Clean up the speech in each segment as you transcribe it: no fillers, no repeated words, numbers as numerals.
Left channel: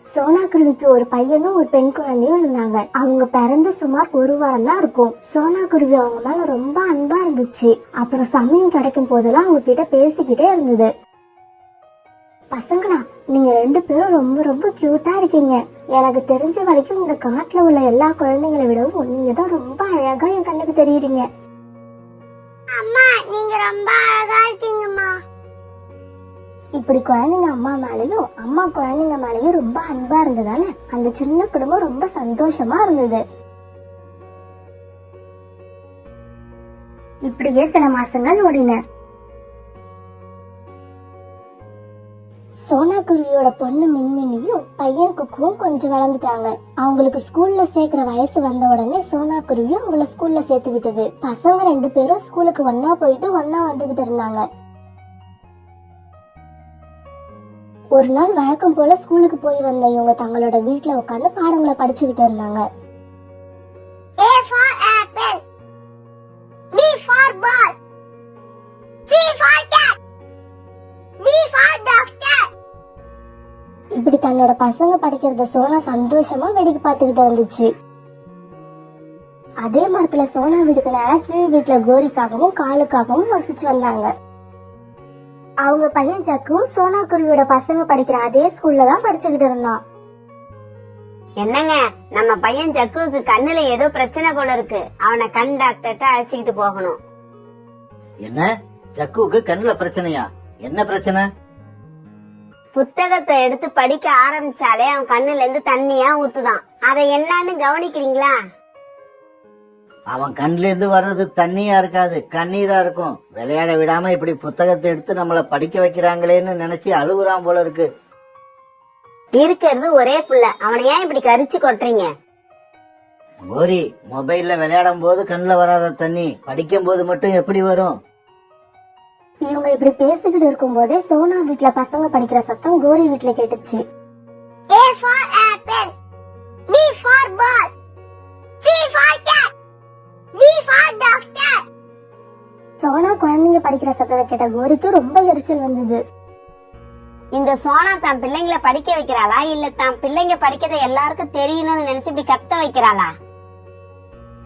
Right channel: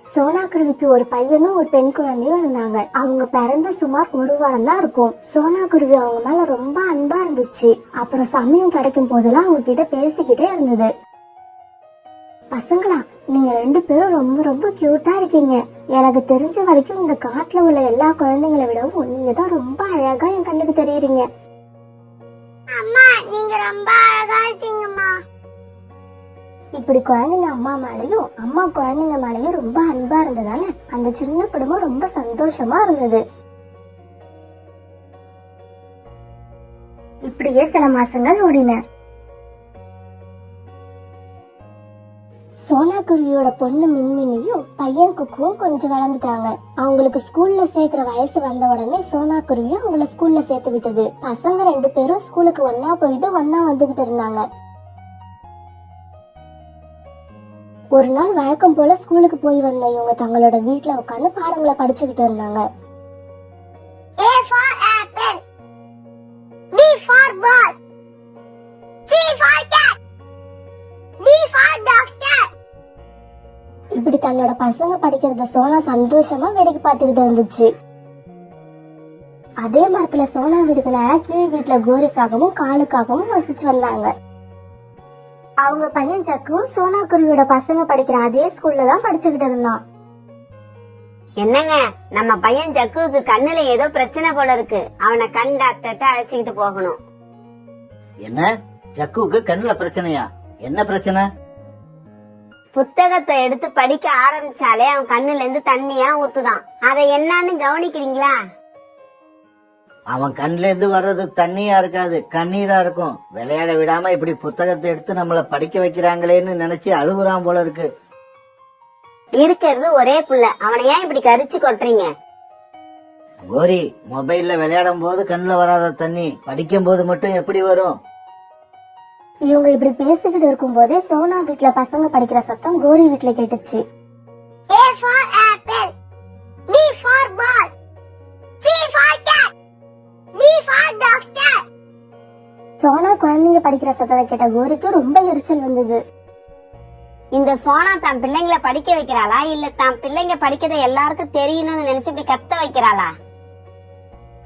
சோனா குருவிக்கு ஒரு பையனும் ஒரு பெண் குழந்தையும் இருந்தாங்க. அவங்க பிறந்து சுமார் ஒரு வாரம் தான் இருக்கும். சோனா குருவி அவங்க மேல ரொம்ப அன்பா இருந்துச்சு. அப்புறம் சமயம் கிடைக்கும் போதெல்லாம் அவங்க கிட்ட பேசிக்கிட்டே இருந்தது. பசங்களா, நீங்க 2 பேரும் ரொம்ப ரொம்ப கியூட்டா இருக்கீங்க. எனக்கு தெரிஞ்ச வரைக்கும் இந்த காட்டுல உள்ள எல்லா குழந்தைங்களை விடவும் நீங்க தான் ரொம்ப அழகா என் கண்ணுக்கு தெரியுறீங்க. அம்மா, நீங்க ரொம்ப அழகா இருக்கீங்கம்மா. இப்படி குழந்தைங்க அம்மா மேலயும் அம்மா குழந்தைங்க மேலயும் ரொம்ப அன்பா இருந்ததால அந்த சின்ன குடும்பம் ரொம்ப சந்தோஷமா இருந்தது. இப்படியே சில மாசங்கள் ஓடின. சோனா குருவியோட பொண்ணு மின்மினியும் பையன் குக்குவும் கொஞ்சம் வளர்ந்துட்டாங்க. அவங்களுக்கு ஸ்கூல்ல சேர்க்கிற வயசு வந்த உடனே சோனா குருவியும் அவங்கள ஸ்கூல்ல சேர்த்து விட்டது. பசங்க 2 பேரும் ஸ்கூலுக்கு ஒன்னா போயிட்டு ஒன்னா வந்துகிட்டு இருந்தாங்க. ஒரு நாள் வழக்கம் போல ஸ்கூலுக்கு போய் வந்த இவங்க தங்களோட வீட்டுல உட்கார்ந்து பாடங்களை படிச்சுக்கிட்டு இருந்தாங்க. A for apple, B for ball, C for cat, D for doctor. இப்படி தன்னோட பசங்க படிக்கிறத சோனா சந்தோஷமா வேடிக்கை பார்த்துக்கிட்டு இருந்துச்சு. அதே மரத்துல சோனா வீட்டுக்கு நேரா கீழ் வீட்டுல கோரிக்காகவும் காலுக்காகவும் வசிச்சு வந்தாங்க. அவங்க பையன் ஜக்கும் சோனா குருவியோட பசங்க படிக்கிற அதே ஸ்கூல்ல தான் படிச்சுக்கிட்டு இருந்தான். என்னங்க, நம்ம பையன் ஜக்குவுக்கு கண்ணுல ஏதோ பிரச்சனை போல இருக்கு. அவனை கண் டாக்டர்கிட்ட அழைச்சிக்கிட்டு போகணும். என்ன, ஜக்குவுக்கு கண்ணுல பிரச்சனையா? என்ன பிரச்சனை? புத்தகத்தை எடுத்து படிக்க ஆரம்பிச்சாலே அவன் கண்ணுல இருந்து தண்ணியா ஊத்துதான். அதை என்னன்னு கவனிக்கிறீங்களா? அவன் கண்ணுல இருந்து வர்றது தண்ணியா இருக்காது, கண்ணீரா இருக்கும். விளையாட விடாம இப்படி புத்தகத்தை எடுத்து நம்மள படிக்க வைக்கிறாங்களேன்னு நினைச்சு அழுகுறான் போல இருக்கு. இருக்கிறது ஒரே புள்ள, அவனை ஏன் இப்படி கரிச்சு கொட்டுறீங்க? கோரி, மொபைல்ல விளையாடும் போது கண்ணுல வராத தண்ணி படிக்கும் போது மட்டும் எப்படி வரும்? இவங்க இப்படி பேசிக்கிட்டு இருக்கும் போதே சோனா வீட்டுல பசங்க படிக்கிற சத்தம் கோரி வீட்டுல கேட்டுச்சு. A for apple, B for ball, C for cat, D for doctor. Sona குழந்தைங்க படிக்கிற சத்தத்தை கேட்ட கோரிக்கு ரொம்ப எரிச்சல் வந்தது. இந்த சோனா தான் பிள்ளைங்களை படிக்க வைக்கிறாளா, இல்ல தான் பிள்ளைங்க படிக்கிறத எல்லாருக்கும் தெரியணும்னு நினைச்சு இப்படி கத்த வைக்கிறாளா?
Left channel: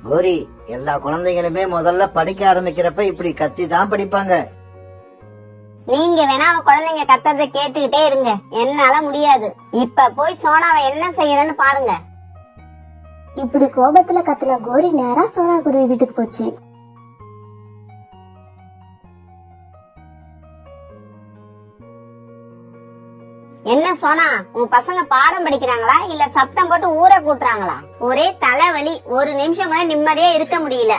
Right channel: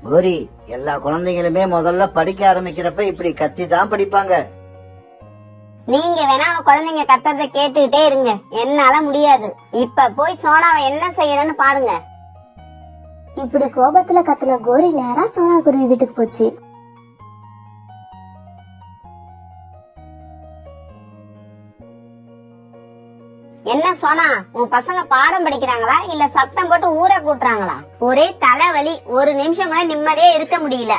கோரி, எல்லா குழந்தைகளுமே முதல்ல படிக்க ஆரம்பிக்கிறப்ப இப்படி கத்தி தான் படிப்பாங்க. நீங்க வேணா அவன் குழந்தைங்க கத்தத்தை கேட்டுக்கிட்டே இருங்க, என்னால முடியாது. இப்ப போய் சோனாவை என்ன செய்யறன்னு பாருங்க. இப்படி கோபத்துல கத்துன கோரி நேரா சோனா குருவி வீட்டுக்கு போச்சு. என்ன சோனா, உன் பசங்க பாடம் படிக்கிறாங்களா இல்ல சத்தம் போட்டு ஊரை கூட்டுறாங்களா? ஒரே தலைவலி, ஒரு நிமிஷம் கூட நிம்மதியா இருக்க முடியல.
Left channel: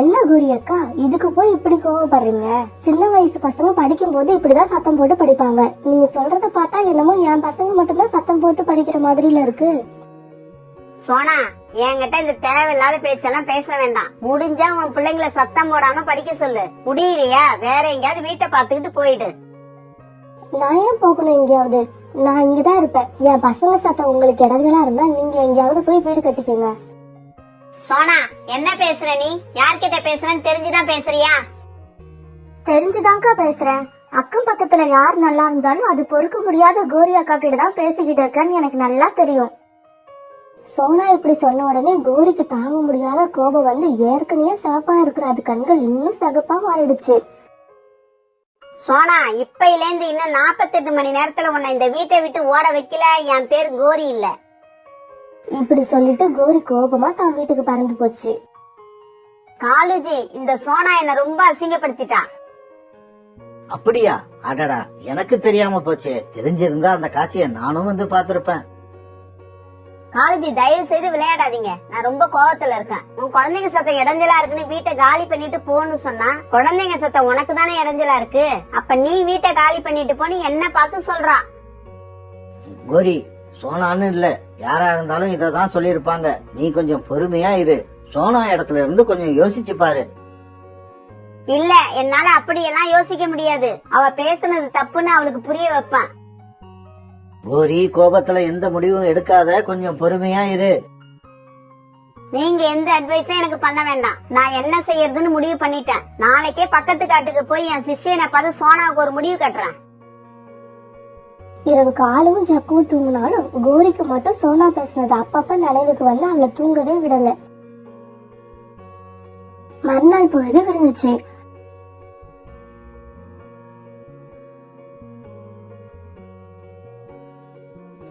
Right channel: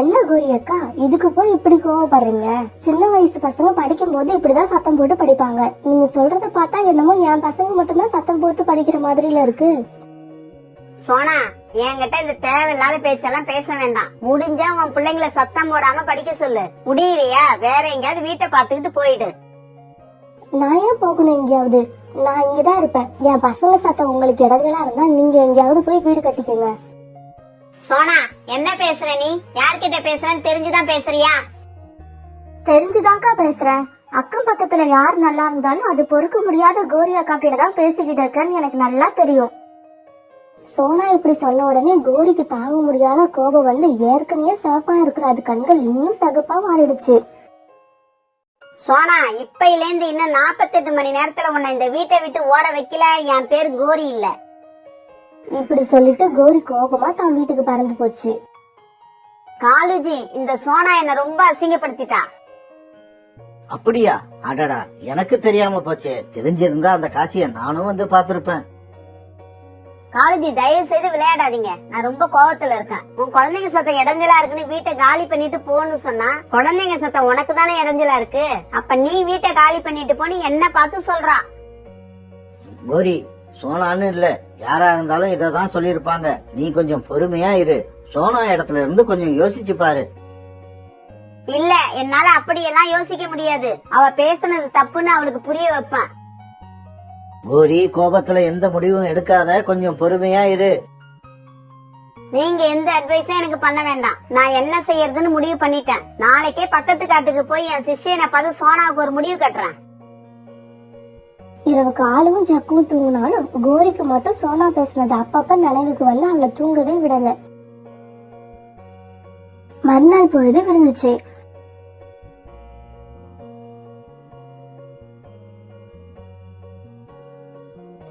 என்ன கோரி அக்கா, இதுக்கு போய் இப்படி கோவப்படுறீங்க? சின்ன வயசு பசங்க படிக்கும் போது இப்படிதான் சத்தம் போட்டு படிப்பாங்க. நீங்க சொல்றத பார்த்தா என்னமோ என் பசங்க மட்டும்தான் சத்தம் போட்டு படிக்கிற மாதிரில இருக்கு. சோனா, என்கிட்ட இந்த தேவையில்லாத பேச்செல்லாம் பேச வேண்டாம். முடிஞ்சா உன் பிள்ளைங்களை சத்தம் போடாம படிக்க சொல்லு. முடியலையா வேற எங்கேயாவது வீட்டை பாத்துக்கிட்டு போயிடு. நான் ஏன் போகணும் எங்கேயாவது? நான் இங்கதான் இருப்பேன். என் பசங்க சத்தம் உங்களுக்கு இடைஞ்சலா இருந்தா நீங்க எங்கேயாவது போய் வீடு கட்டிக்கோங்க. சோனா, என்ன பேசுற நீ? யார்கிட்ட பேசுறன்னு தெரிஞ்சுதான் பேசுறியா? தெரிஞ்சுதான்க்கா பேசுறேன். அக்கம் பக்கத்துல யார் நல்லா இருந்தாலும் அது பொறுக்க முடியாத கோரி அக்கா கிட்ட தான் பேசிக்கிட்டு இருக்கேன்னு எனக்கு நல்லா தெரியும். சோனா இப்படி சொன்ன உடனே கோரிக்கு தாங்க முடியாத கோபம் வந்து ஏற்கனவே சிவப்பா இருக்கிற அது கண்கள் இன்னும் சகப்பா மாறிடுச்சு. சோனா, இப்பையில இருந்து இன்னும் 48 மணி நேரத்துல உன்னை இந்த வீட்டை விட்டு ஓட வைக்கல, என் பேர் கோரி இல்ல. இப்படி சொல்லிட்டு கோரி கோபமா தான் வீட்டுக்கு பறந்து போச்சு. காலுஜி, இந்த சோனா என்ன ரொம்ப அசிங்கப்படுத்திட்டா. அப்படியா? அடடா, எனக்கு தெரியாம போச்சு. தெரிஞ்சிருந்தா அந்த காட்சியை நானும் வந்து பாத்துருப்பேன். காலேஜி, தயவு செய்து விளையாடாதீங்க. நான் ரொம்ப கோவத்துல இருக்கேன். உன் குழந்தைங்க சத்தம் இடைஞ்சலா இருக்குன்னு வீட்டை காலி பண்ணிட்டு போன்னு சொன்னா, குழந்தைங்க சத்தம் உனக்கு தானே இடைஞ்சலா இருக்கு. அப்ப நீ வீட்டை காலி பண்ணிட்டு போன்னு என்ன பார்த்து சொல்றா? கோரி, சோனான்னு இல்ல, யாரா இருந்தாலும் இததான் சொல்லிருப்பாங்க. நீ கொஞ்சம் பொறுமையா இரு. சோனா இடத்துல இருந்து கொஞ்சம் யோசிச்சு பாரு. இல்ல, என்னால அப்படியெல்லாம் யோசிக்க முடியாது. அவ பேசுனது தப்புன்னு அவளுக்கு புரிய வைப்பேன். கோரி, கோபத்துல எந்த முடிவும் எடுக்காத, கொஞ்சம் பொறுமையா இரு. நீங்க எந்த அட்வைஸும் எனக்கு பண்ண வேண்டாம். நான் என்ன செய்யறதுன்னு முடிவு பண்ணிட்டேன். நாளைக்கே பக்கத்து காட்டுக்கு போய் என் சிஷ்யனை பார்த்து சோனாவுக்கு ஒரு முடிவு கட்டுறேன். இரவு காலும் ஜக்குவும் தூங்கினாலும் கோரிக்கு மட்டும் சோனா பேசுனது அப்பப்ப நினைவுக்கு வந்து அவளை தூங்கவே விடல. மறுநாள் பொழுது விழுந்துச்சு.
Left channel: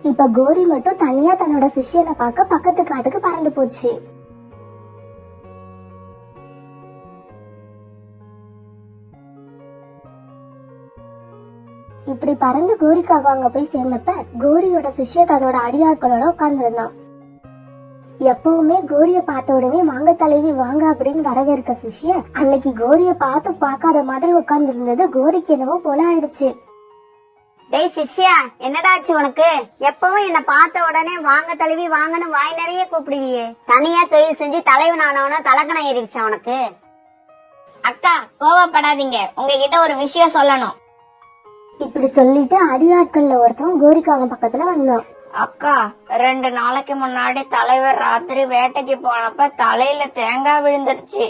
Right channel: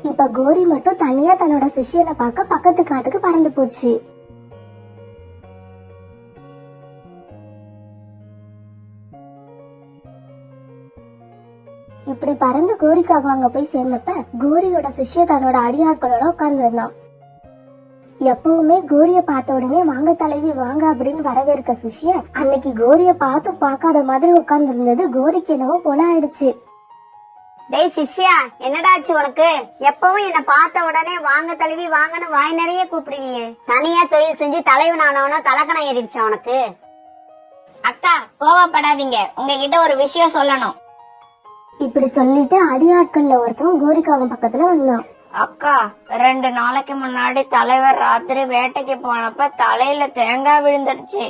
இப்ப கோரி மட்டும் தனியா தன்னோட சிஷ்யனை பார்க்க பக்கத்து காட்டுக்கு பறந்து போச்சு. இப்படி பறந்து கோரிக்காக அங்க போய் சேர்ந்தப்ப கோரியோட சிஷ்ய தன்னோட அடியாட்களோட உட்கார்ந்து இருந்தான். எப்பவுமே கோரிய பார்த்த உடனே வாங்க தலைவி வாங்க அப்படின்னு வரவேற்க சிஷ்ய அன்னைக்கு கோரிய பார்த்தும் பார்க்காத மாதிரி உட்கார்ந்து இருந்தது கோரிக்கு என்னவோ போல ஆயிடுச்சு. டேய் சிஷ்யா, என்னடாச்சு உனக்கு? எப்பவும் என்ன பார்த்த உடனே வாங்க தலைவி வாங்கன்னு வாய் நிறைய கூப்பிடுவியே. தனியா தொழில் செஞ்சு தலைவன் ஆனவன தலக்கணம் ஏறிடுச்சா உனக்கு? அக்கா கோவப்படாதீங்க, உங்ககிட்ட ஒரு விஷயம் சொல்லணும். இப்படி சொல்லிட்டு அடியாட்கள்ல ஒருத்தன் கோரிக்காக பக்கத்துல வந்தான். அக்கா 2 நாளைக்கு முன்னாடி தலைவர் ராத்திரி வேட்டைக்கு போனப்ப தலையில தேங்காய் விழுந்துருச்சு.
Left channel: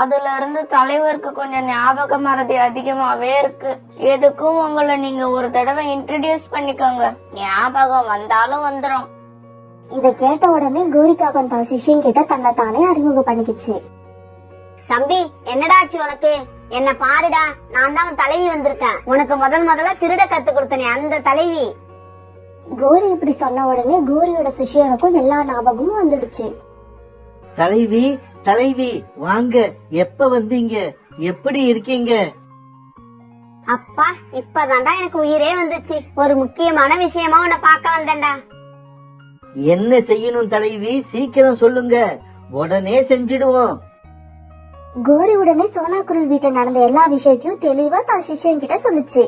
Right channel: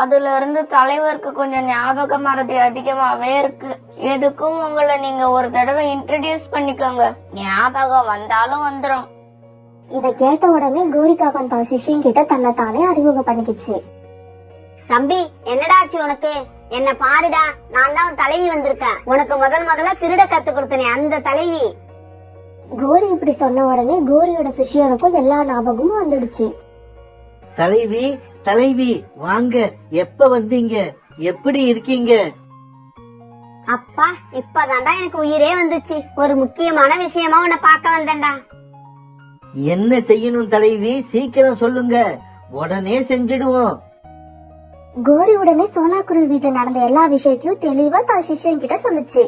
அதுல இருந்து தலைவருக்கு கொஞ்சம் ஞாபக மறதி அதிகமாவே இருக்கு. எதுக்கும் உங்களை நீங்க ஒரு தடவை இன்ட்ரடியூஸ் பண்ணிக்கோங்க, ஞாபகம் வந்தாலும் வந்துரும். இத கேட்ட உடனே கோரிக்காகம் தன் சிஷ்யன் கிட்ட தன்னை தானே அறிமுகம் பண்ணிக்கிச்சு. தம்பி, என்னடாச்சு உனக்கு? என்ன பாருடா, நான் தான் தலைவி வந்திருக்கேன். உனக்கு முதல்ல திருட கத்து கொடுத்தனே அந்த தலைவி. கோரி இப்படி சொன்ன உடனே கோரியோட சிஷ்யனுக்கும் எல்லா ஞாபகமும் வந்துடுச்சு. தலைவி தலைவி வாங்க, எப்ப வந்தீங்க? எப்படி இருக்கீங்க? அப்பா, இப்பதான்டா எனக்கு உயிரே வந்துச்சு. ஒரு முக்கியமான விஷயமா உன்னை பார்க்க வந்தேன்டா. என்ன செய்யணும் தலைவி? சீக்கிரம் சொல்லுங்க, உடனே செஞ்சிடுவோம். கோரி உடனே சோனாக்குருவி வீட்டுல நடந்த எல்லா விஷயத்தையும் தெளிவா தான் சிஷ்யன் கிட்ட சொல்லுச்சு.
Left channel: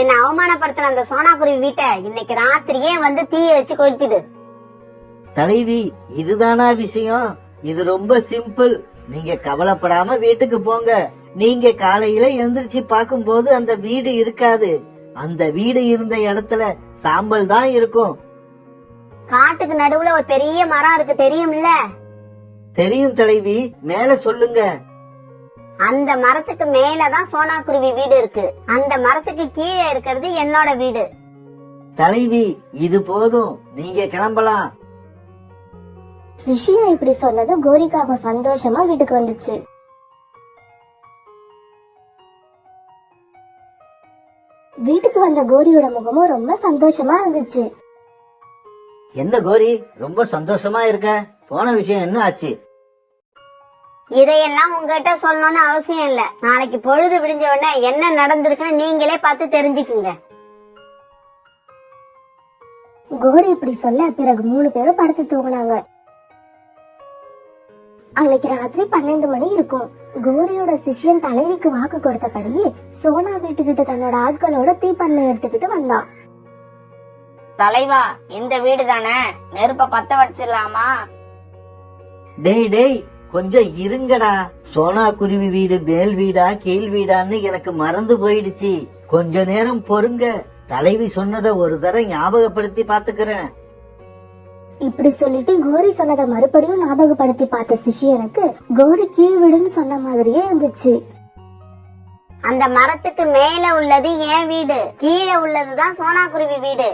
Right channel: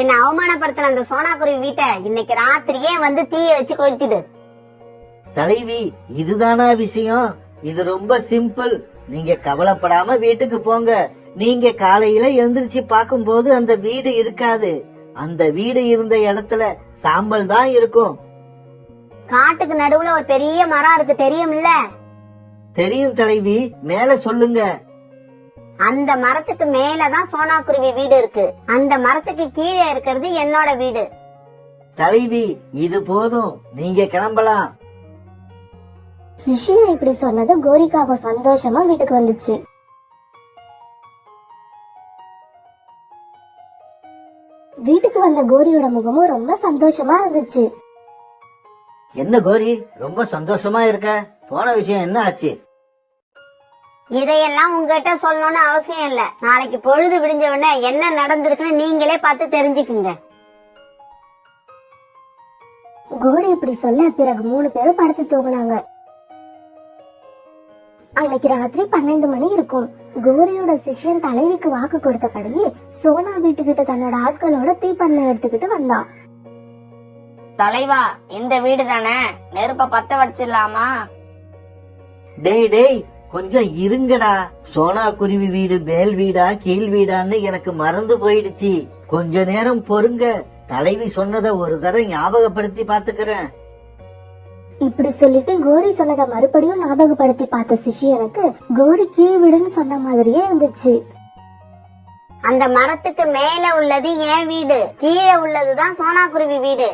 என்ன அவமானப்படுத்தின அந்த சோனாக்குருவி வீட்டை இன்னைக்கு ராத்திரியே வந்து தீய வச்சு கொளுத்திடு. தலைவி, இதுதானா விஷயம்? இது ரொம்ப சிம்பிள். நீங்க கவலைப்படாம வீட்டுக்கு போங்க. நீங்க காலையில எழுந்திருச்சு பார்க்கும் போது அந்த வீடு இருக்காது. அந்த வீடு இருந்த இடத்துல சாம்பல் தான் இருக்கும். காட்டுக்கு நடுவுல ஒரு பெரிய மரம் இருக்கு, தெரியும்ல? தெரியும் தலைவி, மேல சொல்லுங்க. அந்த மரத்துக்கு மேலதான் சோனாக்குருவி வீடு இருக்கு. அந்த மரத்துக்கு கீழே இருக்கிறது என்னோட வீடு. தலைவி, இது போதும், நீங்க கிளம்பலாம். சிஷ்யன் இப்படி சொன்னது கோரிக்காக சந்தோஷமா வீட்டுக்கு வந்துச்சு. வீட்டுக்கு வந்த கோரியோட முகமும் ரொம்ப சந்தோஷமா இருந்துச்சு. என்ன கோரி, ரொம்ப சந்தோஷமா இருக்க? போன விஷயம் என்ன ஆச்சு? இதையெல்லாம் உங்ககிட்ட சொல்லணும்னு அவசியம் இல்ல. நாளைக்கு பொழுது விடிஞ்ச உடனே என்ன நடந்திருக்குன்னு நீங்களே பார்த்து தெரிஞ்சுக்குங்க. கோரி இப்படி சொல்ல பிறகு 3 பேரும் படுத்து தூங்கினாங்க. அன்னைக்கு ராத்திரி 12 மணி இருக்கும். கோரியோட சிஷ்யன் தலைவிக்கு வாக்கு கொடுத்தபடியே சோனா வீட்டுக்கிட்ட தன்னோட ஆட்களோட தீப்பந்தம் எடுத்துக்கிட்டு வந்தான். தலைவா, இந்த வீடு தானே, நெருப்ப பத்த வச்சிடலாமா? டேய் டேய், கொஞ்சம் இருங்கடா. சோனா குருவி வீடு மேல் வீடா கீழ் வீடான்னு எனக்கு மறந்து போயிடுச்சு. கொஞ்ச நேரம் பொறுங்க. தலைவி சொன்னதை ஒரு தடவை ஞாபகப்படுத்தி பாத்துக்கிறேன். இப்படி சொல்லிட்டு கோரி சொன்னதை மறுபடியும் ஞாபகப்படுத்தி பார்த்த சிஷ்யனுக்கு கோரி கீழ் வீடுன்னு சொன்ன மாதிரியே இருந்துச்சு. அந்த மரத்துக்கு மேல உள்ளது என் வீடு, கீழே உள்ளதுதான் சோனாக்குருவி வீடு.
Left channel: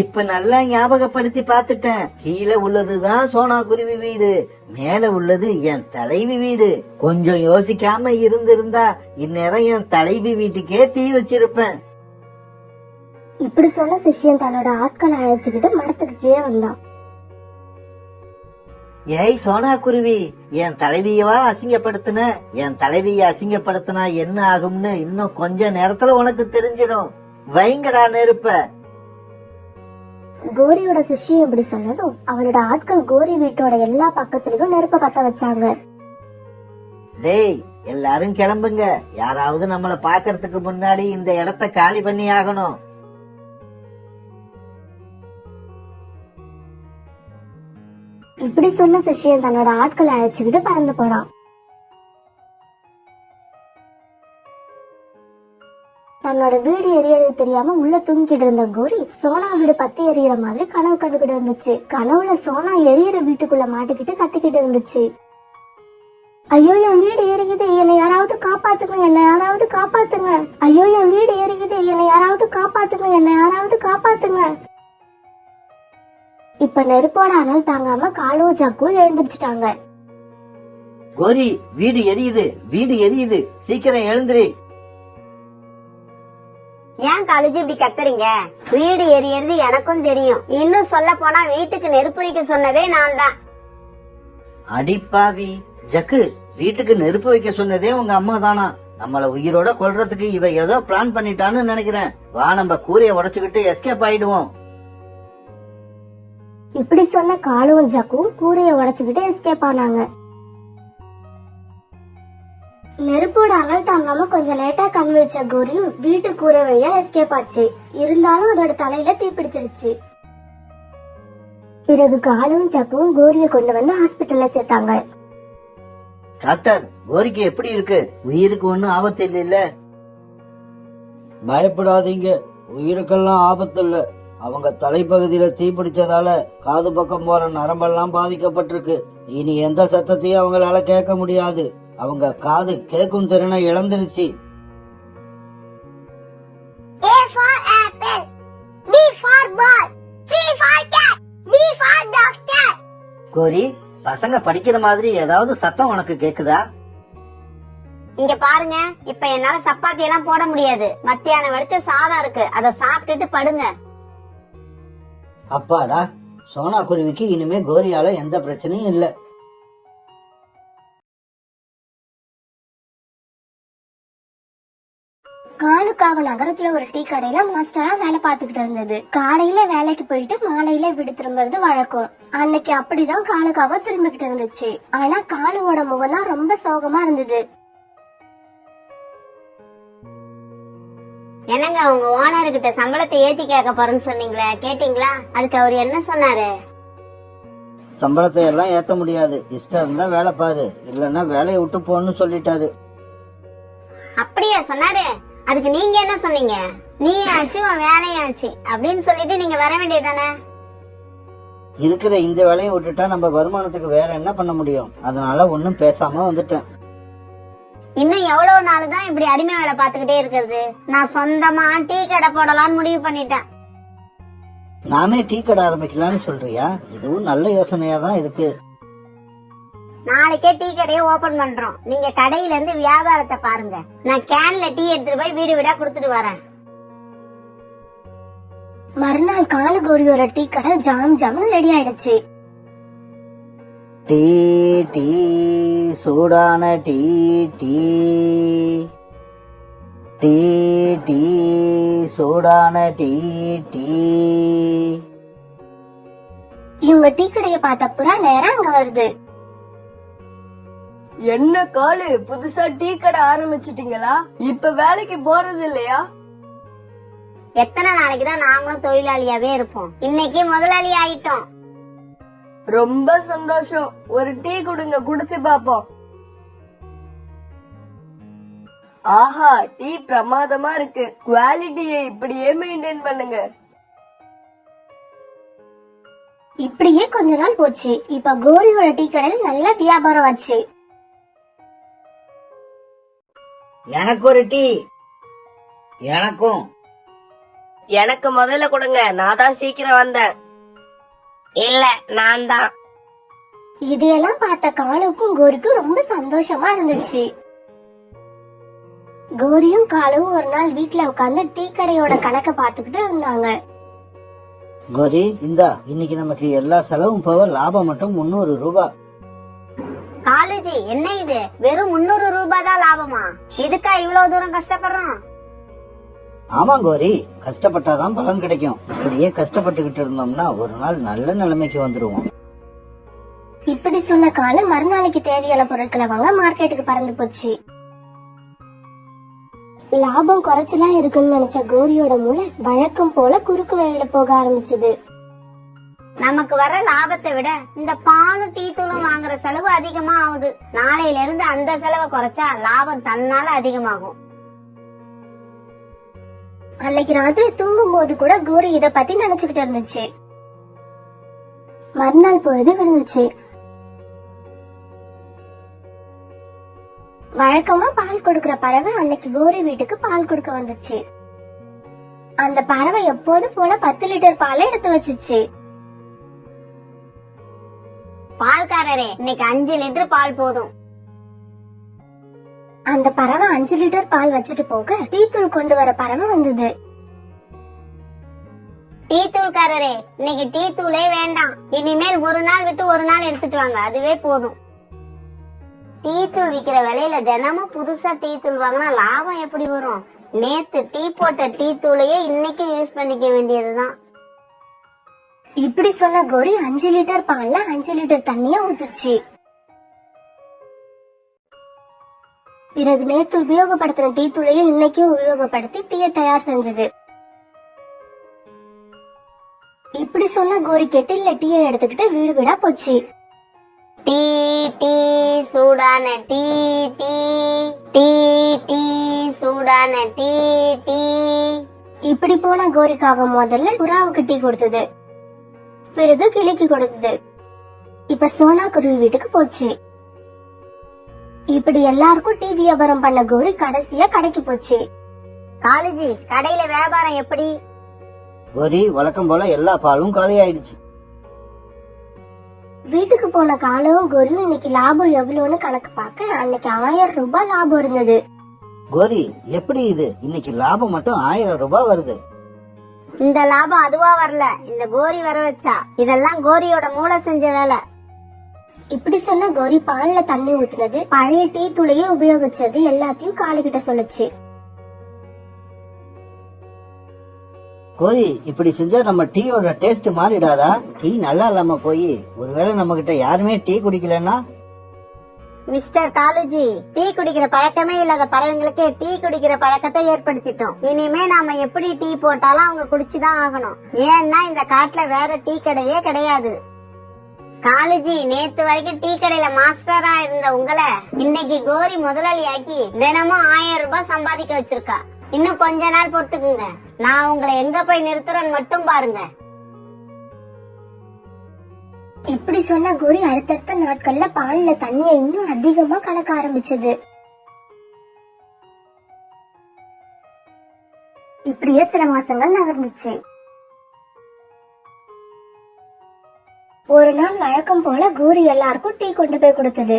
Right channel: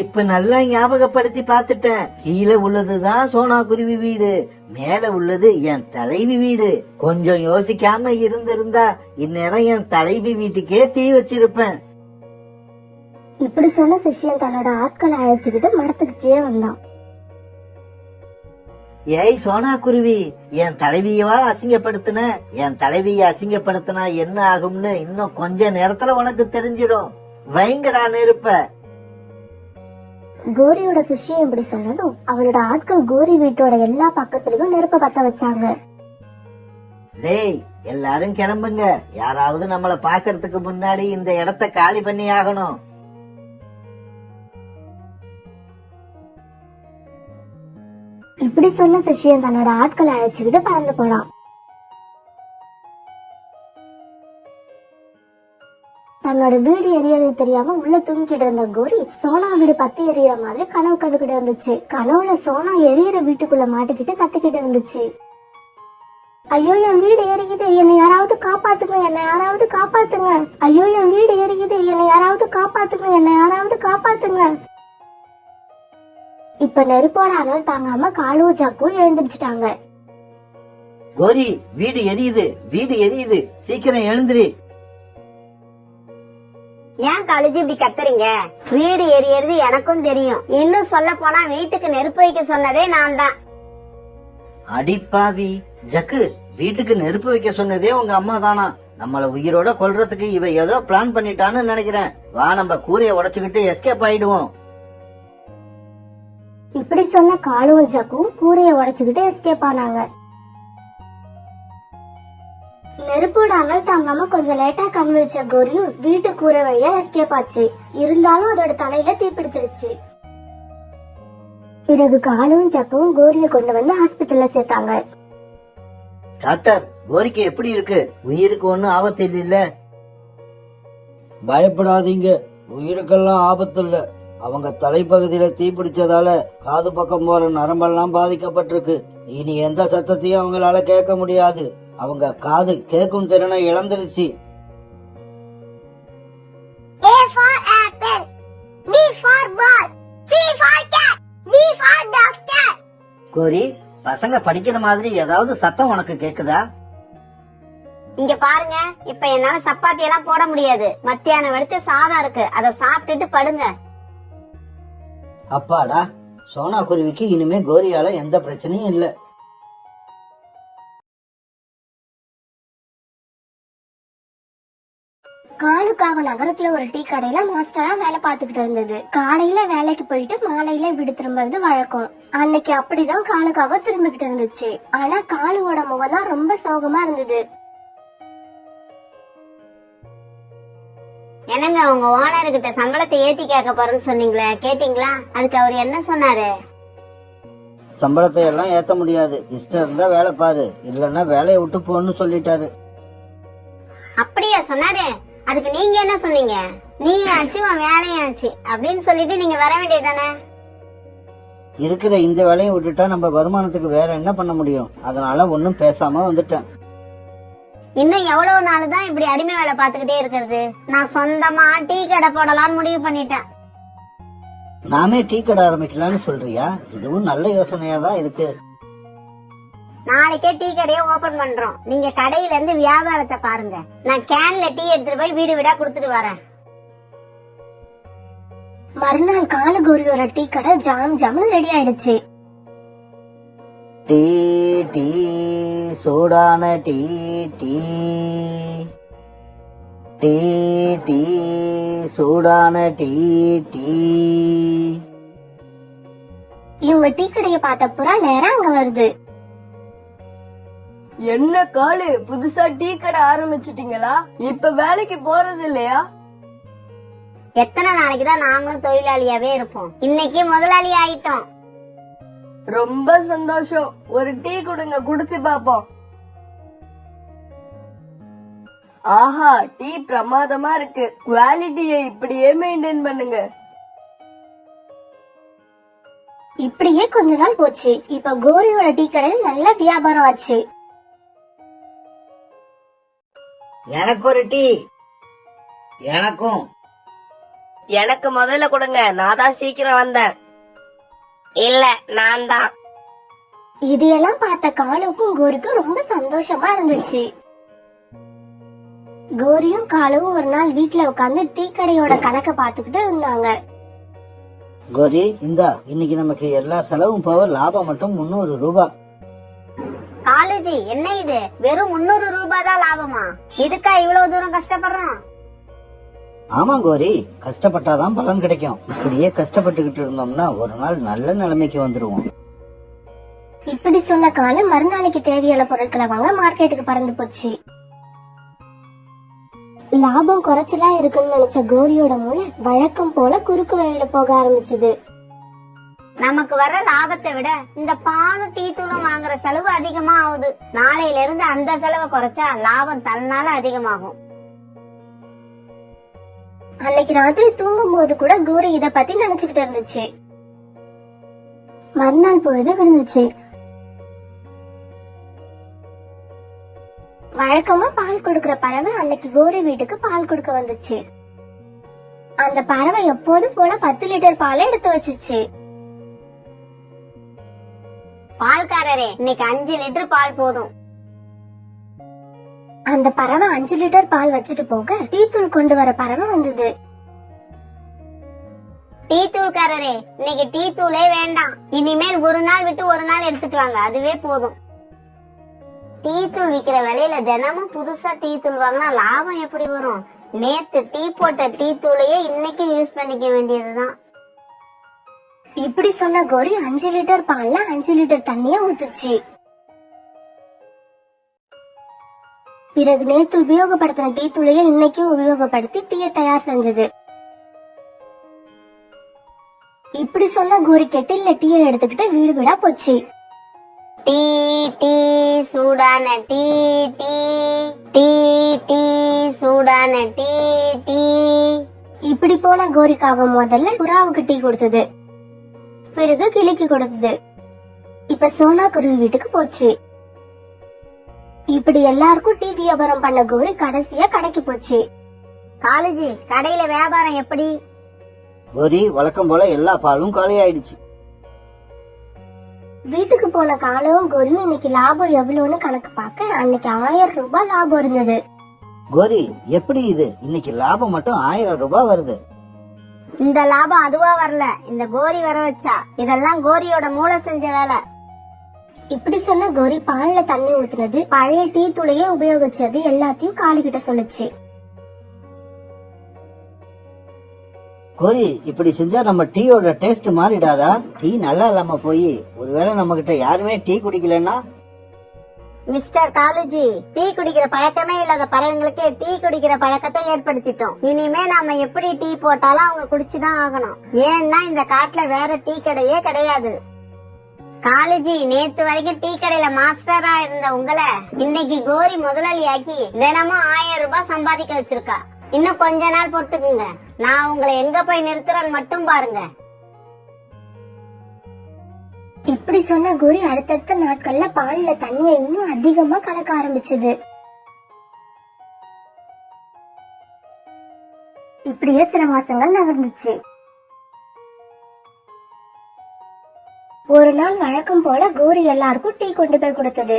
இப்ப நல்லா ஞாபகப்படுத்தி பாத்துட்டேன். கீழே உள்ளதுதான் சோனா குருவி வீடு, மேல உள்ளது என் தலைவி வீடு. கொஞ்சம் யோசிக்காம இருந்திருந்தா இந்நேரம் என் தலைவி வீட்டுக்கே தீ வச்சிருப்பேன். இப்படி சொன்ன சிஷ்யன் தன்னோட ஆட்களை அழைச்சுக்கிட்டு மரத்துக்கு கீழே வந்தான். ஏய் சோனா குருவி, என் தலைவியவா அசிங்கப்படுத்தின? என் தலைவிய அசிங்கப்படுத்தினா என்ன ஆகும்னு இன்னும் கொஞ்ச நேரத்துல உனக்கு தெரிஞ்சிடும். வைங்கடா நெருப்ப. கோரியோட சிஷ்யன் இப்படி சொன்னதும் அவனோட ஆட்கள் கோரி வீட்டோட எல்லா பக்கத்துலயும் நெருப்ப பத்த வச்சாங்க. டேய், எல்லாரும் கிளம்புங்க. யாராவது நம்மள பாக்கறதுக்கு முன்னாடி இந்த இடத்த காலி பண்ணி ஆகணும். இப்படி சொன்ன சிஷ்யன் தன்னோட ஆட்களை அழைச்சுக்கிட்டு பறந்து போனான். தன்னோட வீடு எரியறது தெரியாம உள்ள தூங்கிட்டு இருந்த கோரி சோனா வீடு பத்தி எரியற மாதிரி கனவு கண்டுகிட்டு இருந்துச்சு. கனவுல சோனா எரியற வீட்டுக்குள்ள மாட்டிக்கிட்டு கத்திக்கிட்டு இருந்துச்சு. ஐயோ, என் வீடு எரியுது, என்னை யாராவது காப்பாத்து. காப்பாத்துங்க, என்னை யாராவது காப்பாத்துங்க. ஐயோ என் வீடு எரியுது, என்னை யாராவது காப்பாத்துங்க, என்னை யாராவது காப்பாத்துங்க. இப்ப நெருப்போட அனல் தாங்காம காலுவும் ஜக்கும் எழுந்திருச்சுட்டாங்க. கோரி, வீடு எரியுது, வீடு எரியுது, சீக்கிரம் எழுந்திரி. ஏன் காலேஜ் இப்படி கத்துறீங்க? வீடு எரியறது எனக்கும் தெரியும். இன்னும் சொல்ல போனா வீட்டுக்கு நெருப்பு வைக்க சொன்னதே நான் தான். அடிப்பாவி ஜக்கு, வீட்டுக்கு நெருப்பு வைக்க சொன்னதே உங்க அம்மா தானா? நம்மள உயிரோட கொல்றதுக்கு இவ ஏதோ பிளான் பண்ணிட்டான்னு நினைக்கிறேன். வா, நம்ம கூரைய உடைச்சுக்கிட்டு எஸ்கேப் ஆயிடுவோம். இப்படி சொன்ன காலுவும் ஜக்கும் கூரைய உடைச்சுக்கிட்டு எஸ்கேப் ஆனாங்க. நெருப்போட அனல் தாங்காம கொஞ்சம் லேட்டா கண்ணு வச்ச கோரியும் வீட்டு கூரை வழியா எஸ்கேப் ஆச்சு. இருந்தாலும் அதோட தலையில தீப்பிடிச்சிருச்சு. பிறகு காலும் ஜக்கும் கோரிய கொண்டு வந்து ஹாஸ்பிட்டல்ல சேர்த்தாங்க. டாக்டர், கோரிக்கு எப்படி இருக்கு? உயிருக்கு ஒண்ணும் ஆபத்து இல்ல? பயப்படாதீங்க, உயிருக்கெல்லாம் ஆபத்து இல்ல. அவங்க தலைப்பகுதியில தீப்பிடிச்சதால காது பக்கம் போற நரம்பெல்லாம் பாதிக்கப்பட்டிருக்கு. இனி எந்த சத்தத்தையும் அவங்களால கேட்க முடியாது. அவங்க காது கேட்கும் திறனை இழந்துருச்சு. கோரி, பசங்க படிக்கிற மாதிரி ஏதாவது சத்தம் உனக்கு கேக்குதா? இங்க பாருங்க, இப்ப என்னால சப்பாத்தி எல்லாம் போட முடியாது. மத்தியானம் வடிச்ச சாதம் இருக்கு, அதை சாப்பிட்டுட்டு படுங்க. அப்பாடா, சோனா குருவிக்கு இனிமே கோரியால எந்த பிரச்சனையும் இல்ல. காலுக்காக நகரத்துல ஒரு டீ கடையில மாஸ்டரா வேலை பார்த்துக்கிட்டு இருந்தது. காலையில வேலைக்கு போயிட்டு மாலையில வீடு திரும்புறது வழக்கம். அன்னைக்கு அப்படிதான் காலுக்காக திரும்பிக்கிட்டு இருந்துச்சு. ஆனா காலுவோட முகம் தான் ரொம்ப சோகமா இருந்தது. என்னங்க, உங்க ஓனர் கிட்ட சம்பளத்தை ஏத்தி கேட்க போறேன்னு சொன்னீங்களே, கேட்டீங்களா? அதுக்கு அவர் என்ன சொன்னாரு? சம்பளத்தை எல்லாம் ஏத்த முடியாது, இஷ்டம் இருந்தா வேலை பாரு, இல்லன்னா வேலையை விட்டு போன்னு சொல்லிட்டாரு. அப்படியா சொன்னாரு? அதுக்கு நீங்க என்ன சொன்னீங்க? நீங்க ஆச்சு உன் வேலையாச்சு அப்படின்னு சொல்லிட்டு நீங்க வர வேண்டியதானே? இருக்கிற இந்த வேலையை விட்டுட்டா நம்ம வருமானத்துக்கு வேற என்ன பண்ண முடியும்? அதனால ஒன்னும் பேசாம வந்துட்டேன். இன்னும் எவ்வளவு நாள் தான் இப்படி அடிமை வேலை பாத்துக்கிட்டே இருக்கிறது? நான் சொந்தமா டீ கடை போடலாம்னு முடிவு பண்ணிட்டேன். நாமே டீ கடை ஆரம்பிக்கலாம்னு சொல்றியா? இதுவும் நல்ல யோசனையா தான் இருக்கு. நாளைக்கே டீ கடையை ஓபன் பண்றோம். நீங்க கடையில இருந்து வியாபாரத்தை பாருங்க. நான் கேன்ல டீ எடுத்துட்டு போய் வீடு வீடா குடுத்துட்டு வரேன். மறுநாள் காலு கோரியோட டீ கடை ஜாம் ஜாம்னு ரெடி ஆயிடுச்சு. டீ டீ சூடான டீ டீ டீ டீ சூடான டீ டீ. இவங்க டீ கடையை பார்த்த புறா நேரா அங்க வருது. என்ன காலு, புதுசா டீ கடை ஆரம்பிச்சிட்டீங்களா? இப்ப வேலைக்கு போறது இல்லையா? எத்தனை நாளைக்குதான் நாங்களும் தொழிலாளியாவே இருப்போம்? இன்னைக்கு முதலாளி ஆயிட்டோம். ரொம்ப சந்தோஷம். ஒரு டீ கொடுங்க, குடிச்சு பாப்போம். ஆஹா, டீ பிரமாதமா இருக்கு. குவாலிட்டியை இப்படியே மெயின்டைன் பண்ணுங்க. இப்படியே கொஞ்ச நாள் போச்சு. இப்ப கோரியோட டீ கடையில நல்ல வியாபாரம் ஆச்சு. எனக்கு ஒரு டீ. எனக்கும். எனக்கு முதல்ல கொடுங்க, நான் தான் சீக்கிரம் வந்தேன். இல்ல, நான் தான். இதையெல்லாம் பார்த்த காலுக்கும் கோரிக்கும் ரொம்ப சந்தோஷமா இருந்துச்சு. கோரியும் காலுவும் ஒரு நாள் வீட்டுல உட்கார்ந்து டீ கடையோட கணக்க பாத்துக்கிட்டு இருந்தாங்க. கோரி, இந்தா, இன்னைக்கு நமக்கு எல்லா செலவும் போக லாபம் மட்டும் 300 ரூபாய். காலேஜ் என்ன இது? வெறும் 300 ரூபாய் தான் லாபமா? இதுக்கா இவ்வளவு தூரம் கஷ்டப்படுறோம்? ஆமா கோரி, கஷ்டப்பட்டாதான் பலன் கிடைக்கும். இப்படியே கஷ்டப்பட்டுக்கிட்டு இருந்தோம்னா ஒரு நாள் நல்ல நிலைமைக்கு வந்துருவோம். இப்படி சொன்ன காலு மறுநாளைக்கு தேவையான பொருட்களை வாங்க மார்க்கெட்டுக்கு பறந்து போச்சு. லாபம் குறைச்சலா இருக்குன்னு நினைச்ச கோரியோட மூளை வழக்கம் போல குறுக்கு வழியில போக ஆரம்பிச்சது. நமக்கு வர லாபத்தை விட இந்த பாலும் டீ தூளும் வாங்குற செலவு அதிகமா ஆகுது. நாளையில இருந்து அந்த செலவை குறைச்சா லாபம் தன்னால அதிகமாகும். அன்னைக்கு ராத்திரி தூங்கும் போது கூட கோரி இத பத்தி நினைச்சுக்கிட்டு இருந்துச்சு. மறுநாள் பொழுது விழுந்துச்சு. வழக்கமா பால் கொடுக்கற பறவை அன்னைக்கு கோரி வீட்டுக்கு பால் கொடுக்க வந்துச்சு. அந்த பறவை எப்போது போல 10 லிட்டர் பாலை எடுத்து வச்சுச்சு. பால்காரரே, இன்னைக்கு 5 லிட்டர் பால் போதும். அந்த பறவை 5 லிட்டர் பால் வச்சுட்டு போக டீ தூள் கொண்டு வர பறவை வந்தது. டீ தூள்காரரே, இன்னைக்கு டீ தூளே வேண்டாம். இனிமேல் ஒரு நாள் விட்டு ஒரு நாள் எடுத்துட்டு வாங்க, அதுவே போதும். டீ தூள் விக்கிற விலையில தினமும் புதுசா டீ தூள் வாங்கினா லாபம் எப்படி வரும்? நேத்து டீ போட்ட டீ தூளையே இன்னைக்கு யூஸ் பண்ணிக்க வேண்டியதுதான். இப்படி சொன்ன கோரி 5 லிட்டர் பால்ல 5 லிட்டர் தண்ணிய ஊத்துச்சு. பிறகு நேத்து உபயோகப்படுத்தின டீ தூளையே இன்னைக்கும் உபயோகப்படுத்தி டீயை தயார் செஞ்சது. இப்படி சொன்ன கோரி கெட்டில்ல டீயை எடுத்துக்கிட்டு வீடு வீடா போச்சு. டீ டீ சூடான டீ டீ டீ டீ சூடான டீ டீ. இப்படி போன கோரிக்காக முதல்ல புறாவுக்கு டீ கொடுத்தது, பிறகு கிளிக்கு கொடுத்தது. இப்ப சோனா குருவி வீட்டுக்கு போச்சு. இப்படி எல்லாருக்கும் டீ வியாபாரம் பண்ண கோரி கடைசியா கடைக்கு போச்சு. காலேஜி, கடையில வியாபாரம் எப்படி? கோரி, வழக்கம் போல எல்லா பாலும் காலி ஆயிடுச்சு. வீட்டுக்கு போன காலவும் கோரியும் இன்னைக்கு லாபம் எவ்வளவுன்னு கணக்கு பார்க்க அன்னைக்கு 1000 ரூபாய் லாபம் இருந்தது. கோரி, எப்படி இது? இன்னைக்கு லாபம் மட்டும் 1000 ரூபாய் வருது. இந்த லாபம் அதுவா வரல, இந்த கோரி வர வச்சா. இதெல்லாம் கோரியோட மூளை செஞ்ச வேலை. இப்படி சொன்ன கோரி பால்ல தண்ணி ஊத்துனது, பழைய டீ தூளையே உபயோகிச்சது எல்லாத்தையும் காளிகிட்ட சொல்லுச்சு. கோரி, இப்படி செஞ்சா நம்ம டீயோட டேஸ்ட் மாறிடாதா? டீ நல்லா இல்லாம போய் ஒருவேளை நம்ம கிட்ட யாருமே டீ குடிக்கலன்னா? மிஸ்டர் காலேஜி, டீ குடிக்கிற பழக்கமே இல்லாத பறவைங்களுக்கு டீ குடிக்கிற பழக்கத்தை ஏற்படுத்திட்டோம். இனிமே நாம எப்படி டீ போட்டாலும் அவங்க குடிச்சுதான் ஆகணும். ஏன்னா இந்த காட்டுல வேற டீ கடையே கிடையாது. காலேஜி, நேத்து வரைக்கும் டீ கடையில மாஸ்டரா இருந்த உங்களை இன்னைக்கு கோரி முதலாளியாக்கி தினமும் 1000 ரூபாய் சம்பாதிக்க வச்சிருக்கா. இன்னும் கொஞ்ச நாள் பொறுத்துக்குங்க, நான் உங்களை எங்க போய் நிறுத்துறேன்னு மட்டும் பாருங்க. இப்படி சொன்ன கோரி அடுத்தடுத்த நாட்கள்ல பால்ல தண்ணிய இன்னும் அதிகமா கலக்க ஆரம்பிச்சது. இப்படியே சில மாசங்கள் நகர்ந்துச்சு. ஒரு நாள் வழக்கம் போல கோரி எல்லாருக்கும் டீ கொண்டு போய் கொடுத்தது.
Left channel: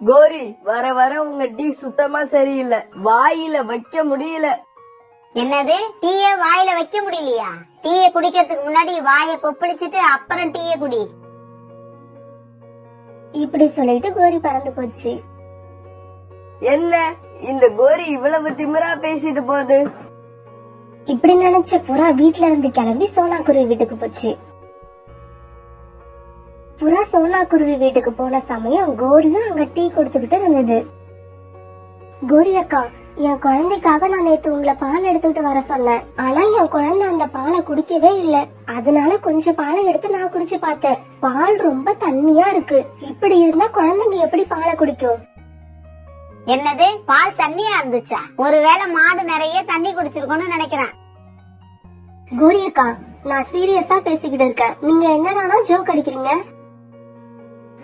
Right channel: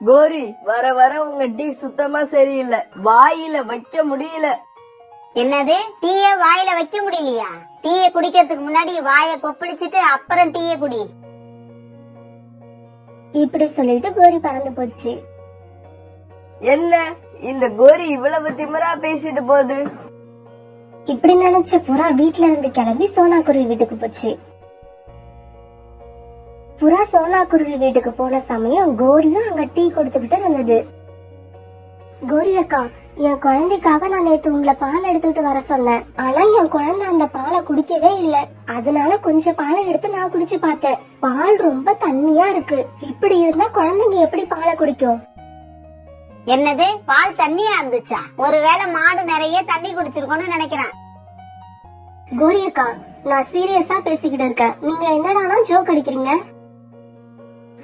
கோரி, வர வர உங்க டீ சுத்தமா சரியில்லை, வாயில வைக்க முடியல. என்னது, டீய வாயில வைக்க முடியலையா? டீய குடிக்கிறதுக்கு முன்னாடி வாயை கொப்பளிச்சுட்டு அப்புறம் டீய குடி. இப்படி சொல்லிட்டு கோரி பறந்து போச்சு. என்ன இந்த கோரி இவ்வளவு திமிரா பேசிட்டு போகுது? இப்படி நினைச்ச புறா வீட்ல இருந்து கிளம்பி சோனா குருவி வீட்டுக்கு போச்சு. புறா சோனா குருவி வீட்டுக்கு போன சமயம் கோரியும் அங்க டீ கொடுத்துக்கிட்டு இருந்தது. கோரி அக்கா, என் குழந்தைக்காக நான் நேத்து உங்களை பால் எடுத்துட்டு வர சொன்னேன். ஆனா என் குழந்தை அந்த பாலை குடிக்கவே இல்ல. அதனால கொஞ்சம் பாலை எடுத்து நான் குடிச்சு பார்த்தேன். பால் ரொம்ப தண்ணியா இருக்கு. இப்படி இருந்தா குழந்தைங்க எப்படி பாலை குடிக்கும்? என்னது, பால் தண்ணியா இருந்துச்சா? ஒருவேளை மாடு நிறைய தண்ணி குடிச்சிருக்கோம்னு நினைக்கிறேன். கோரி அக்கா, நான் சீரியஸா பேசிக்கிட்டு இருக்கேன். நீங்க என்னடானா ஜோக் அடிக்கிறீங்க?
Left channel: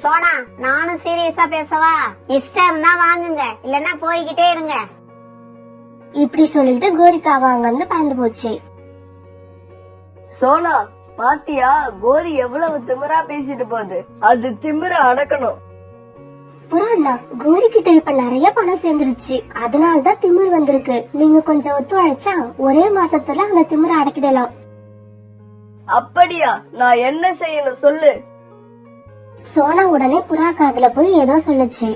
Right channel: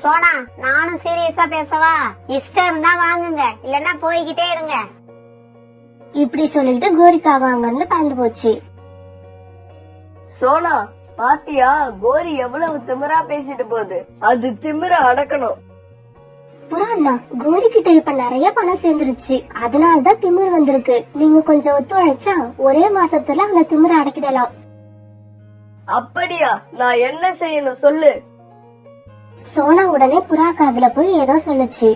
சோனா, நானும் சீரியஸா பேசவா? இஷ்டம் இருந்தா வாங்குங்க, இல்லன்னா போய்கிட்டே இருங்க. இப்படி சொல்லிட்டு கோரிக்காவ அங்க இருந்து பறந்து போச்சு. சோனா, பாத்தியா கோரி எவ்வளவு திமிரா பேசிட்டு போகுது? அது திமிர அடக்கணும். புறாண்ணா, கோரி கிட்ட இப்ப நிறைய பணம் சேர்ந்துருச்சு. அதனாலதான் திமிர் வந்திருக்கு. நீங்க கொஞ்சம் ஒத்துழைச்சா ஒரே மாசத்துல அந்த திமிரை அடக்கிடலாம். அப்படியா? நான் என்ன செய்யணும் சொல்லு. சோனா உடனே புறா காதுல போய் ஏதோ சொல்லுச்சு.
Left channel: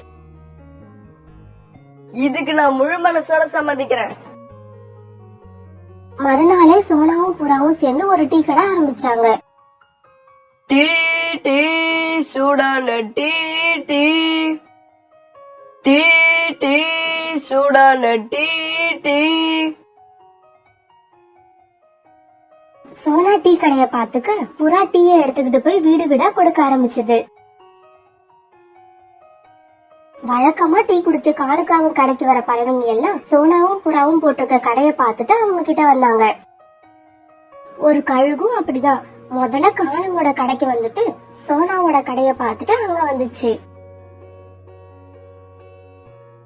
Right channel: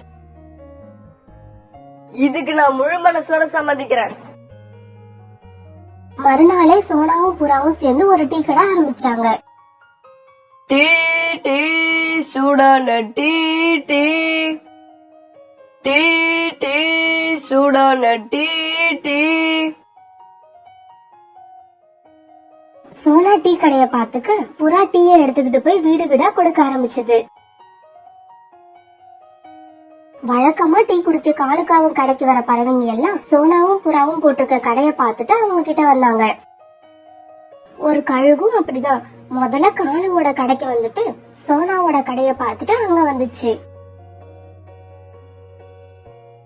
இதுக்கு நான் முழு மனசோட சம்மதிக்கிறேன். மறுநாளே சோனாவும் புறாவும் சேர்ந்து ஒரு டீ கடை ஆரம்பிச்சாங்க. டீ டீ சூடான டீ டீ டீ டீ சூடான டீ டீ. சோனா டீ கடைய பாத்துக்க புறா டீயை எடுத்துக்கிட்டு போய் வீடு வீடா கொடுக்க ஆரம்பிச்சது. வழக்கமா டீ குடிக்க காலுக்காவும் கடைக்கு வர பறவைங்க எல்லாம் சோனாவும் புறாவும் போட்டிருக்க கடைய பார்த்துட்டு அவங்க கிட்ட வந்தாங்க. ஒரு கழுகும் அப்படிதான் முதல்ல காலுவோட கடைக்கு வந்துட்டு சோனாவோட கடைய பார்த்துட்டு அங்க வந்துச்சு.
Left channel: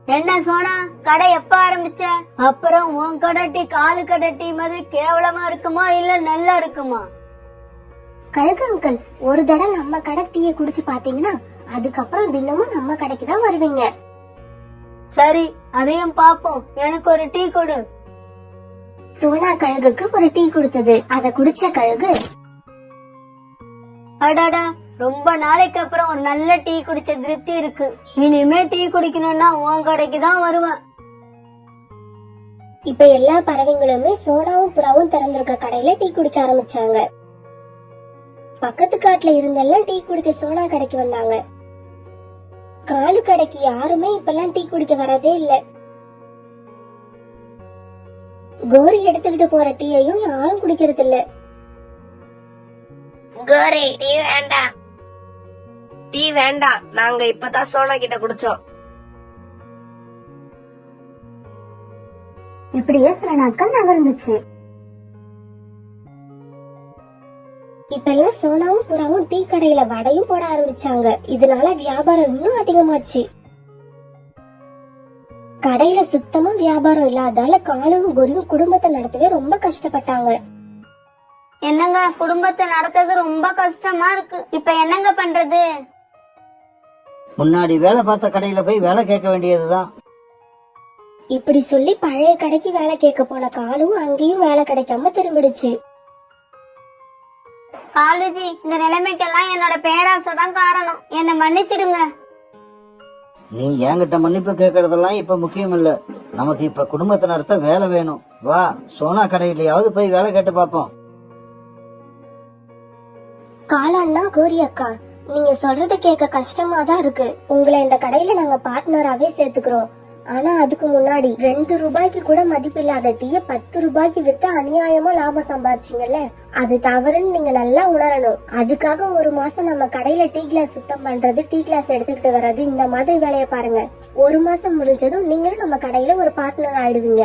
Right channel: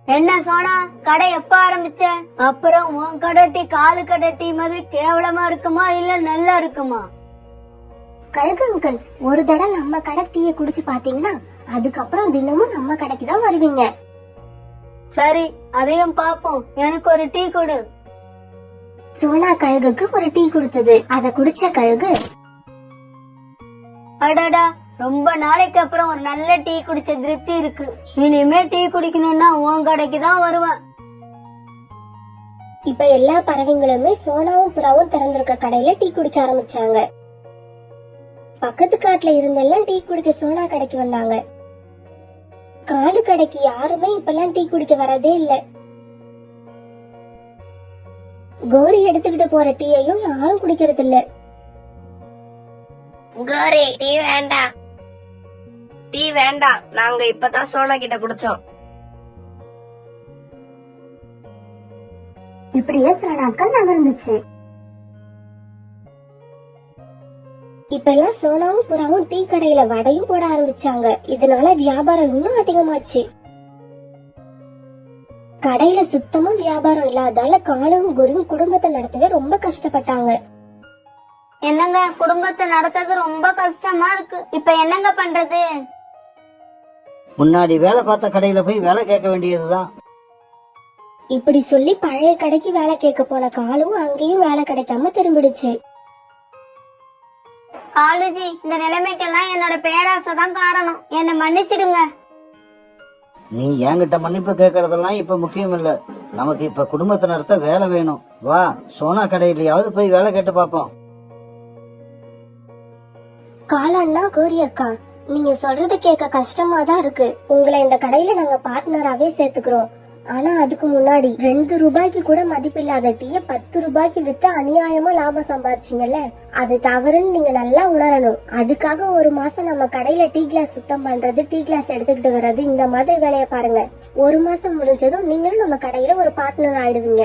என்ன சோனா, கடை எப்ப ஆரம்பிச்ச? அப்புறம் உன் கடை டீ காலு கடை டீ மாதிரி கேவலமா இருக்குமா இல்ல நல்லா இருக்குமா? கழுகு அங்கிள், ஒரு தடவை நம்ம கடை டீயை குடிச்சு பாத்தீங்கன்னா அதுக்கப்புறம் தினமும் நம்ம கடைக்கு தான் வருவீங்க. சரி, அதையும் பாப்போம். எனக்கு ஒரு டீ கொடு. சோனா கழுகுக்கு ஒரு டீ கொடுத்தது. அதை குடிச்ச கழுகு, அடடா, ரொம்ப நாளைக்கு அப்புறம் ஒரு நல்ல டீ குடிச்ச திருப்தி இருக்கு. இனிமே டீ குடிக்கணும்னா உன் கடைக்கு தான் வருவேன். இப்ப எல்லா பறவைங்களுமே சோனாவும் புறாவும் திறந்திருக்க கடையில டீ குடிக்க ஆரம்பிச்சாங்க. பக்கத்து காட்டுல இருந்தெல்லாம் டீ குடிக்க சோனா கடைக்கு வந்தாங்க. காலு கடைக்கு யாருமே இப்பெல்லாம் டீ குடிக்க வரதே இல்ல. கோரி எடுத்துக்கிட்டு போற டீயையும் யாரும் குடிக்கிறது இல்ல. கோரி, டீ வேண்டாம், டீ வேண்டாம், நாங்க இப்பதான் சோனா கிட்ட குடிச்சோம். இப்படியே சில நாட்கள் நகர்ந்துச்சு. இப்ப எல்லாம் சோனாவும் புறாவும் டீ கடையில வடையும் போட ஆரம்பிச்சாங்க. இதனால வியாபாரம் இன்னும் அதிகமாச்சு. கடையில சுத்தமா வியாபாரம் இல்லாதால காலும் கோரியும் குடும்பத்தை நடத்தவே ரொம்ப கஷ்டப்பட்டாங்க. என்னங்க, குடும்பத்தை நடத்துறது ரொம்ப கஷ்டமா இருக்கு. இப்ப என்னங்க பண்றது? முன்னாடி வேலை பார்த்த கடையில போய் வேலை கேட்க வேண்டியதுதான். இப்படி சொல்லி பழைய கடைக்கு வேலை கேட்க போன காலும் அங்கேயும் வேலை கிடைக்காம திரும்பிடுச்சு. காலுஜி, இந்த நிலைமைக்கெல்லாம் என்னோட பேராசை தான் காரணம். என்ன மன்னிச்சிடுங்க. நீ என்கிட்ட மன்னிப்பு கேட்கறதெல்லாம் இப்ப முக்கியம் இல்ல. நமக்கு இப்ப குடும்பத்தை நடத்த வேலை வேணும். வா, சோனா கடையிலயாவது போய் வேலை கேட்டு பாப்போம். காலண்ணா, கோரி அக்கா, நீங்க சொல்றது கேட்க கஷ்டமா தான் இருக்கு. உங்களை இந்த கடையில நாங்க பார்ட்னராவே சேர்த்துக்கிறோம். ஆனா அதுக்கு முன்னாடி 2 ரூபாய்க்கு கூட மதிப்பில்லாத டீய 10 ரூபாய்க்கு வித்து அநியாயமா லாபம் சம்பாதிச்சீங்கல்ல, அது தவறுன்னு நீங்க நல்லா உணரணும். அதுக்காக ஒரு மாசம் நம்ம கடையில டீ கிளாஸ் சுத்தம் பண்றது, டீ கிளாஸ் எடுத்துக்கிட்டு வர்றது, இந்த மாதிரி வேலையை பாருங்க. ஒரு மாசம் முடிஞ்சதும் நீங்களும் நம்ம கடையில ஒரு பார்ட்னர் ஆயிடுவீங்க.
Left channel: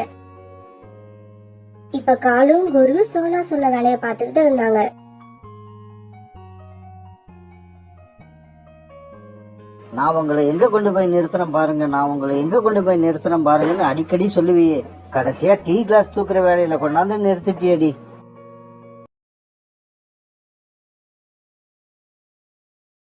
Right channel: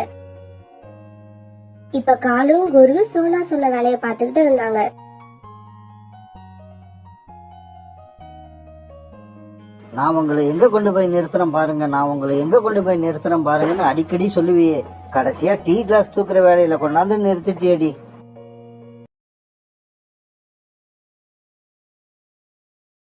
இப்ப காலும் குரு சோனா சொன்ன வேலையை பார்த்துக்கிட்டு இருந்தாங்க. நான் உங்களை எங்க கொண்டு போய் நிறுத்துறேன் பாருங்க, நான் உங்களை எங்க கொண்டு போய் நிறுத்துறேன் பாருங்கன்னு அடிக்கடி சொல்லுவியே. கடைசியா டீ கிளாஸ் தூக்குற வேலையில கொண்டாந்து நிறுத்திட்டியடி.